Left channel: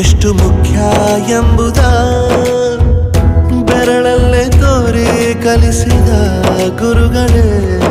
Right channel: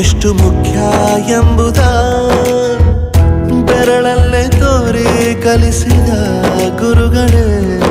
ಎಷ್ಟು ಮುಖ್ಯ ಬೆರಳಲ್ಲೇ ತೋರಿ ಕಲಿಸಿದ ಗುರುಗಳೇ